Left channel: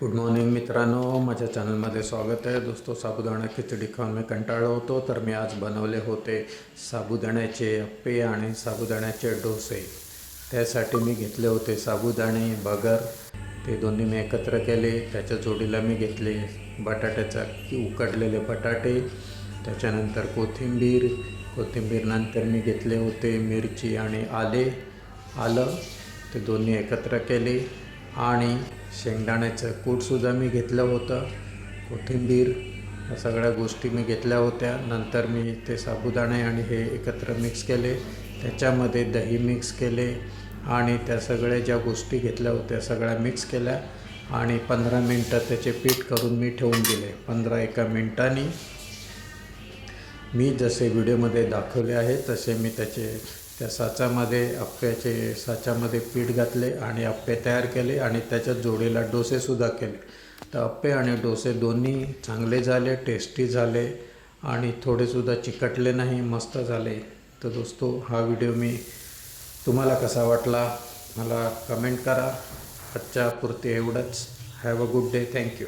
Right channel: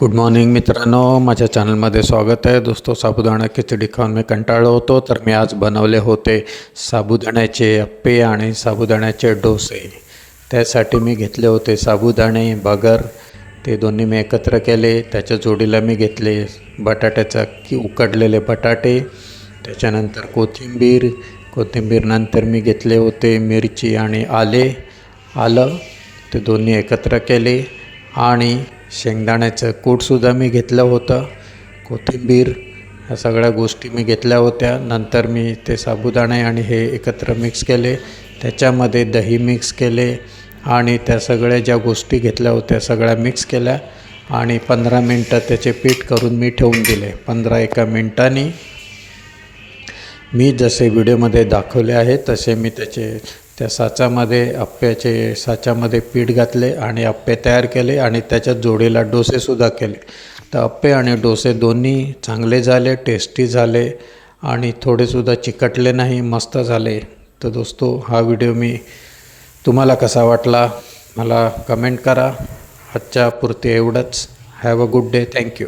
Good morning मित्रांनो. माझ्या चॅनलमध्ये स्वागत आहे. दोस्तो साबुदाणा खिचडी खाऊन मी कंटाळलो होतो तर मी आज बनवले होते साबुदाण्याचे अप्पे आणि साबुदाण्याचे डोसे. त्यासाठी मी घेतले होते साबुदाणे बगर. ते दोन्ही मी एकत्र केले. त्याच्या जोडीला मी घेतले बटाट्याचा की उकडलेले बटाटे. त्याच्यानंतर कोथिंबीर. कोथिंबीरनंतर मी घेतले होते मिरची आणि आले आलं. ते दोन्ही एकत्र केले. आणि शेंगदाण्याचं कूटसुद्धा मी घेतलं होतं. कोथिंबीर ह्या सगळ्या गोष्टी मी घेतल्या होत्या. नंतर मी ते साबुदाणे आणि हे एकत्र मिक्स केले. त्याच्यामध्ये दही मिक्स केले आणि त्या सगळ्या ज्या गोष्टी घेतल्या होत्या सगळ्या मिक्स केल्या आणि पंधरा मिनटं त्याचे पीठ करून मी ठेवून दिले. पंधरा एका मिनटांनी. मी जसे व्हिडिओमध्ये दाखवले आहे तसे मी त्याचे त्या साचामध्ये अप्प्याचे साच्यामध्ये पीठ घातले आणि अप्पे तयार केले आणि त्याच्या जोडीला डोसेसुद्धा केले. तर अप्पे आणि डोसे दोन्ही चांगले झाले टेस्टी झाले आणि थोडेसुद्धा चिकटले नाही मस्त झाले. तर दोस्तो हा व्हिडिओ मी तुम्हाला कसा वाटला मला कमेंट करा. आजच्या पुरते एवढंच. Have a good day thank you